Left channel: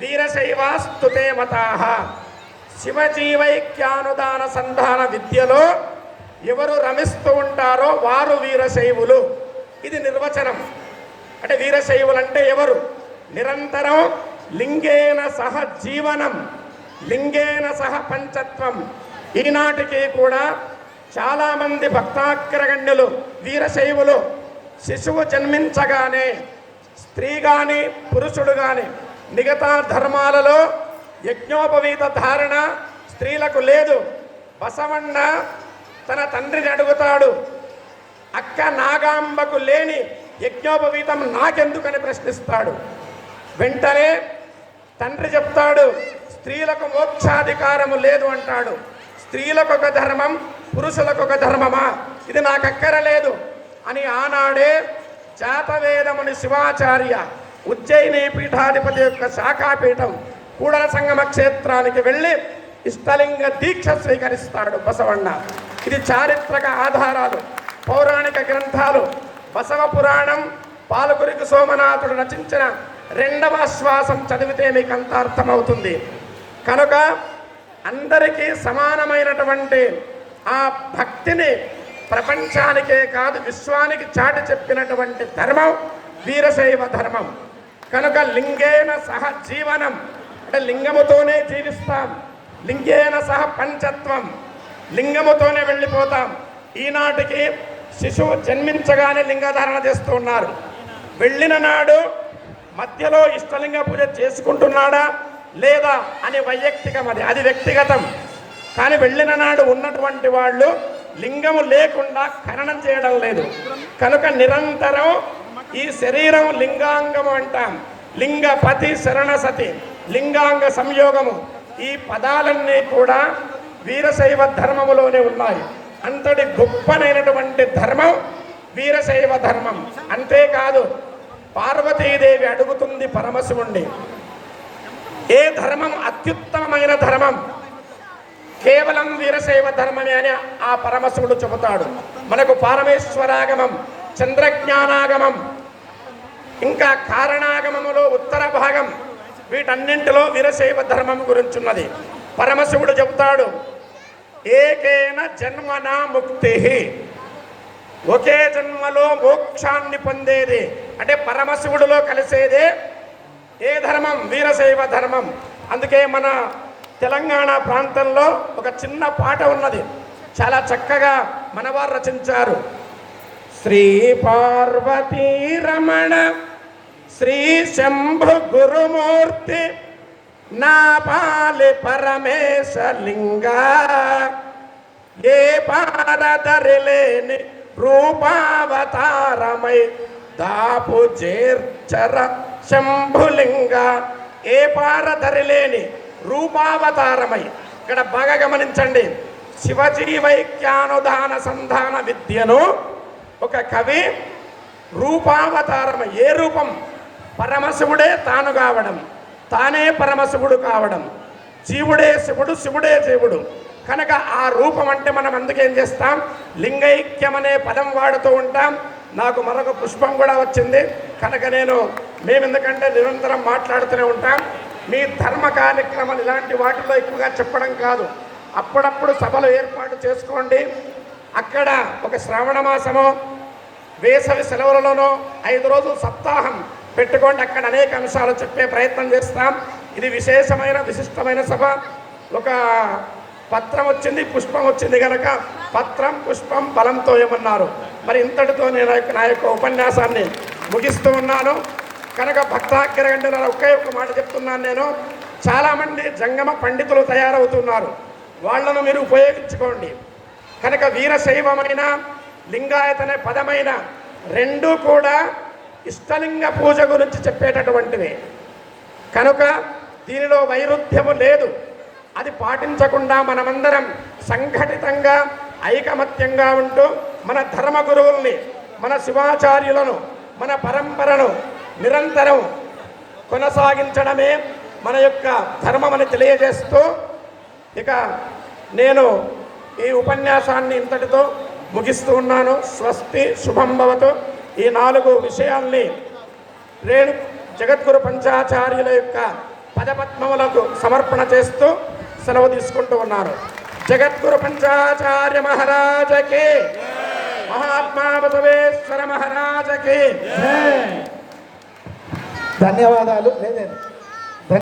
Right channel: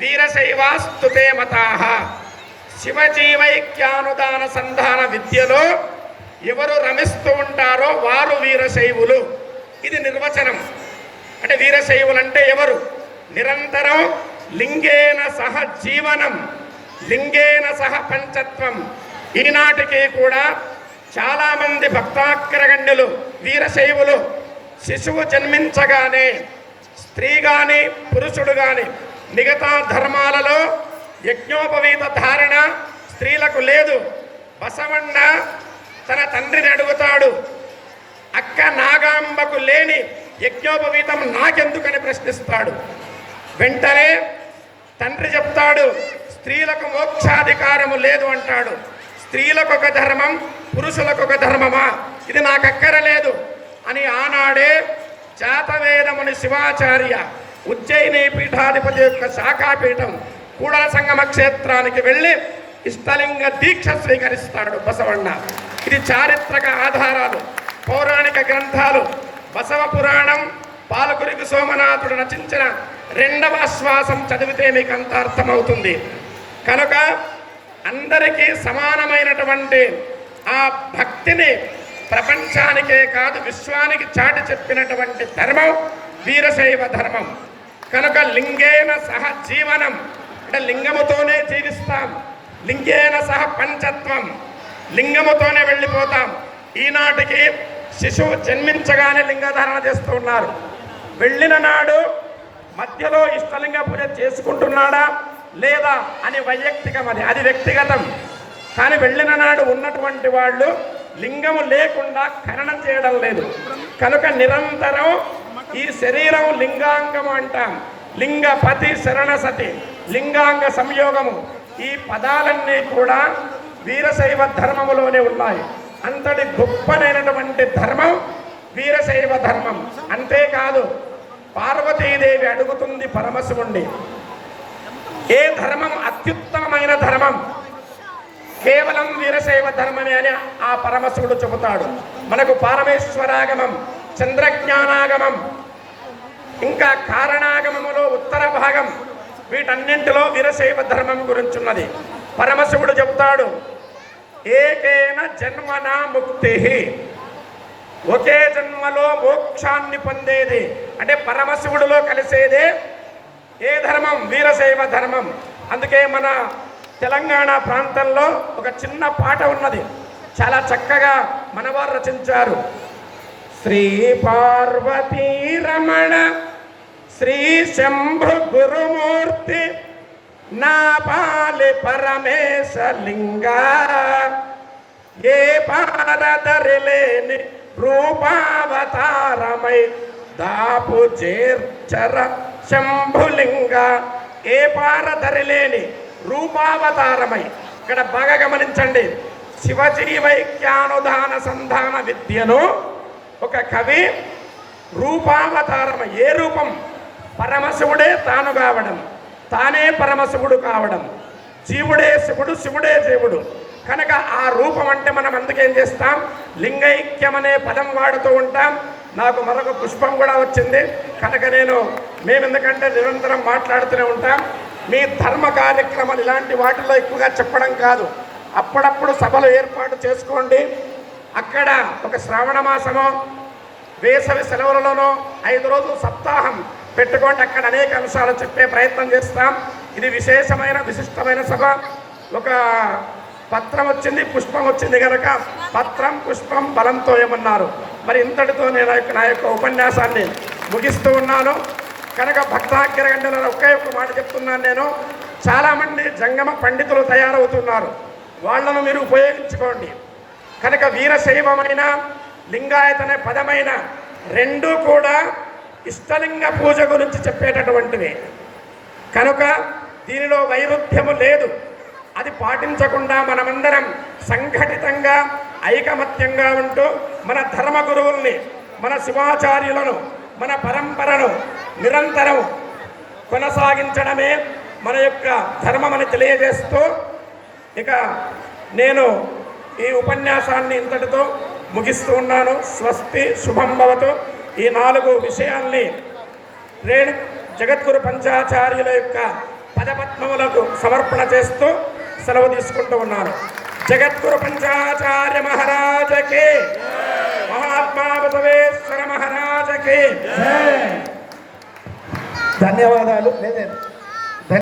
వీరశైవాస్తుతే మతాః. శివజీవైక్యానుదాన సంధాన విద్యలో ఎవరు రమిస్తూ ఉంటారో వారు వీరశైవులు. ఇది నిర్వచనం. అంటే వీరశైవులంటే ఎవరు? నిరంతరం లింగేన సహ జీవనం, లింగేన సహ పంచత్వం. ఈనాటికి కూడా చాలామంది భక్తాగ్రగణ్యులు వీరశైవులు శిశువు జన్మించగానే స్త్రీ కానీ పురుషుడు కానీ మిగతా ధర్మాలలో యజ్ఞోపవీత ధారణ స్త్రీలకు లేదు. బసవಣ್ణ తన తండ్రిని అడుగుతాడు, అక్క నాగాంబకు లేని యజ్ఞోపవీతం నాకెందుకని ప్రశ్నిస్తాడు. వెంటనే తండ్రి చెప్తాడు, స్త్రీలకు మోక్షాధికారము లేదు అంటాడు. స్త్రీలకు ఒక ధర్మం, పురుషులకు ఒక ధర్మమా? ఇది నాకు అక్కరలేదు అని ఆనాడే జాతవేదముని శివాచార్య ఉజ్జయిని పీఠాధిపతి యొక్క శాఖాపీఠం కూడల సంగమ క్షేత్రానికి వెళ్ళి ఇష్టలింగ దీక్ష స్వీకరిస్తాడు బసవಣ್ణ. ఇది చారిత్రక ఆధారాలు, పౌరాణిక గ్రంథాలు. బసవ పురాణం పాలకురికి సోమనాథుడు రచించిన 2వ ఆశ్వాసం చదివితే మీకు అంత అర్థమవుతుంది. కనుక అందరికీ సమానమైనటువంటి ఆ భక్తిని ప్రపంచానికే కాదు విశ్వానికి చాటి చెప్పినటువంటి ధర్మం వీరశైవ ధర్మం. కనుక లింగేన సహ జీవనం అంటే లింగముతోనే జీవిస్తాం, లింగేన సహ పంచత్వం, లింగముతోనే వెళ్ళిపోతాం. ఈనాటికి శిశువు జన్మించగానే లింగధారణ చేస్తూ ఉన్నారు. వెళ్ళిన నాడు మధ్యలో ఇష్టలింగ పూజ చేసుకుంటున్నాడా లేదా అని వైయక్తికం, అది వ్యక్తిగతం. కానీ వెళ్ళిన నాడు ఉన్నటువంటి వాళ్ళు లింగము లేకుండా ఖననం చేయడం లేదు. కనుక నిరంతరం ఈ శరీరం లింగాంగము అంటాం. లింగపతి శరణసతి, లింగాంగ సంయోగము, ఈ పదాలన్నీ కూడా వీరశైవ ధర్మములోనే ఉన్నాయి. అంతటి గొప్పనైనటువంటి ధర్మం వీరశైవ ధర్మం. అంతేకాదు పార్వతీదేవి అడుగుతుంది పరమశివుణ్ణి, ఏ ధర్మం అత్యుత్తమమైన ధర్మం? కేవలం వీరశైవ ధర్మమే అని ఆ పరమశివుడు చెబుతాడు. మనకు పారమేశ్వరాగమం, చంద్రజ్ఞానాగమం, ఇంకా కారణాగమములో ఉత్తర భాగం, వీటన్నింటిలో వీరశైవ ధర్మం గురించి ఉన్నది. పరమశివుడు చెబుతాడు, ఏకేన జన్మనా ముక్తి, ఒకే జన్మలో మోక్షాన్ని పొందేది. అంటే పరమశివుడిలో కలిసేదే ఏ ధర్మం? వీరశైవ ధర్మం. అందుకే మన తెలంగాణ ప్రాంతంలో ఒక చిన్న పాట ఉన్నది, చాలా చక్కగా మనవారు రచించారు. శ్రీ పార్వతీ రమణ శ్రీ శంభు గురుమూర్తి నా పాలి పరమేశ లింగా, ఏ పారదరిలేని రూపావతారమై దాపు చేర్చర శంభులింగ. ఏ పారదరిలేని రూపావతారమై. ఇక్కడ బాగా గమనించండి, శివజీవైక్యానుదాన సంధాన విద్యను ఒక కవి రూపావతారమై, ఏ రూపం? పరమశివుడే తాను కావడం, తానే పరమశివుడు కావడం, జీవుడే శివుడు, శివుడే జీవుడు. కనుక ఆ రూపం అంటే మనం అందుకేం చేస్తాం? లింగైక్యం అనే పదం వాడుతూ ఉంటాం. నాకు మరొక పుష్పం కూడా వచ్చింది కనుక మేము ఎందుకంటే నిరంతరం మాట్లాడుతూనే ఉంటాం. మీ ధర్మ కార్యక్రమాలు ఇలాంటి వాటిలో ఎక్కువగా చెప్పడం కాదు, అప్పుడప్పుడు సభలు ఏర్పాటు చేసుకోండి. అక్కడ ఒక శ్రావణ మాసమో వేసవి సెలవులలోనో 5 రోజులు సప్తాహం పెట్టుకోండి. అక్కడ అనేక అంశాలు చెప్పే ప్రయత్నం చేస్తాం. ఇది విశేషమైన విశిష్టమైన సభ. ఒక పత్రం వచ్చింది, పుష్పం వచ్చింది కనుక పత్రం పుష్పం బలంతో ఏమన్నారు. మరి ఇంతటితో నేను నా యొక్క ఉపన్యాసాన్ని ముగిస్తూ ఉన్నాను. కనుక భక్తాగ్రగణ్యుల ఒకే ఒక్క మాట చెప్తున్నాను నేను, చాలామంది జంగమ పండితులు తయారవుతున్నారు, వాళ్ళను మీరు ఉపయోగించుకోండి. కనుక వీరశైవమైన లింగాయతన పదమైన రెండూ కూడా ఇష్టలింగ పూజ గురించి చెప్పేటటువంటివి. కనుక దీనిలో వైరుధ్యము లేదు. అది పాటించకుండా మనమందరం సంఘటితంగా ఐకమత్యంగా ఉంటూ మన ధర్మ గురువుల్ని, మన శివాచార్యులను, మన పరంపరను నిరంతరం కొనసాగించడమే మన యొక్క ధర్మమని తెలియజేస్తూ ఇక నేను ఈ ఉపన్యాసాన్ని ఇంతటితో ముగిస్తూ ఉన్నాను. స్వస్తి, శుభం భవతు. ఈ 4 విషయాల్ని జగద్గురు పంచాచార్యుల యొక్క పదపద్మములకు సమర్పణ చేస్తూ సెలవు తీసుకుంటూ ఉన్నారు. జగద్గురు పంచాచార్య మహారాజకి, మహాత్మా బసవేశ్వర మహారాజకి ధన్యవాదాలు.